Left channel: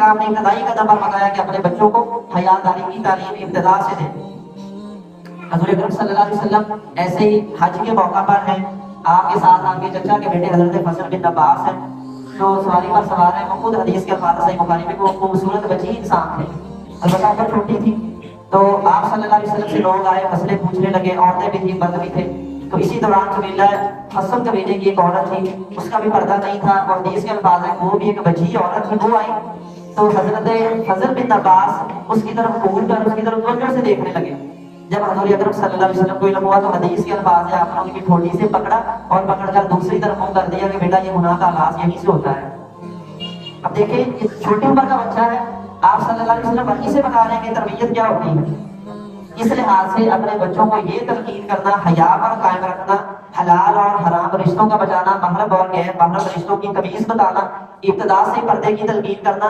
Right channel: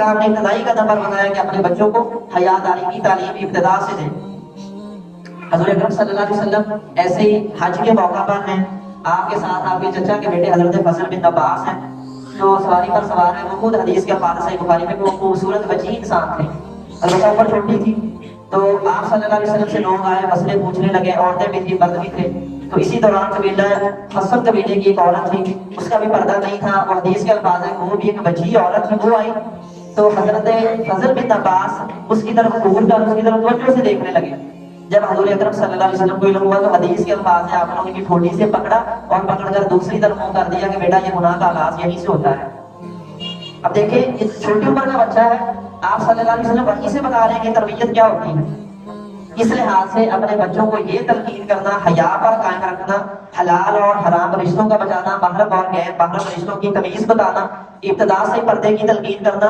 السلام نے ابتدائی قدم پر بتایا کہ اپنے بچوں کو حیاداری کی تعلیم ابتدا سے دیں۔ حضور اکرم صلی اللہ علیہ وسلم ایسے ہی حج کے موقع پر ہیں، آپ کے ساتھ آپ کے چچا کے بیٹے حضرت فضل بن عباس ہیں جو سواری پر سوار ہیں۔ وہ خود حدیث کے الفاظ صحیح بخاری میں وہ خوبصورت بچی انسان تھے، البتہ عمر چھوٹی تھی۔ تو آپ صلی اللہ علیہ وسلم سے لوگ آئے، مسئلے پوچھنے لگے، عورتیں بھی تھیں، مرد بھی تھے۔ تو اسی دوران قبیلہ حسن قبیلے کی ایک عورت تھی، اس کا بھی پردہ نہیں تھا، اور حدیث کے الفاظ ہیں وہ بھی ایک بچی عورت تھی، وہ آئی تو حضرت فضل بن عباس اس کی طرف گھور کر اس کی طرف توجہ سے دیکھنے لگے۔ جب حضور اکرم صلی اللہ علیہ وسلم کو علم ہوا تو حدیث کے الفاظ ہیں آپ نے ان کی ٹھوڑی سے پکڑا اور پکڑ کر دوسری طرف منہ کر دیا کہ بیٹا یہ گناہ کا آغاز یہیں سے ہوتا ہے۔ اب دیکھیں ایک چھوٹی عمر کا بچہ ہے، آپ صلی اللہ علیہ وسلم وہیں سے بتا رہے ہیں کہ تربیت کیا ہوتی ہے۔ اس لحاظ سے اپنے بچوں کو یہ تلقین کرنا، حیا پر قائم رکھنا، حلال اور حرام رشتوں کا بچانا، محرم اور غیر محرم رشتوں کی تمیز بتانا، ابتدا سے پردے کی تلقین کرنا،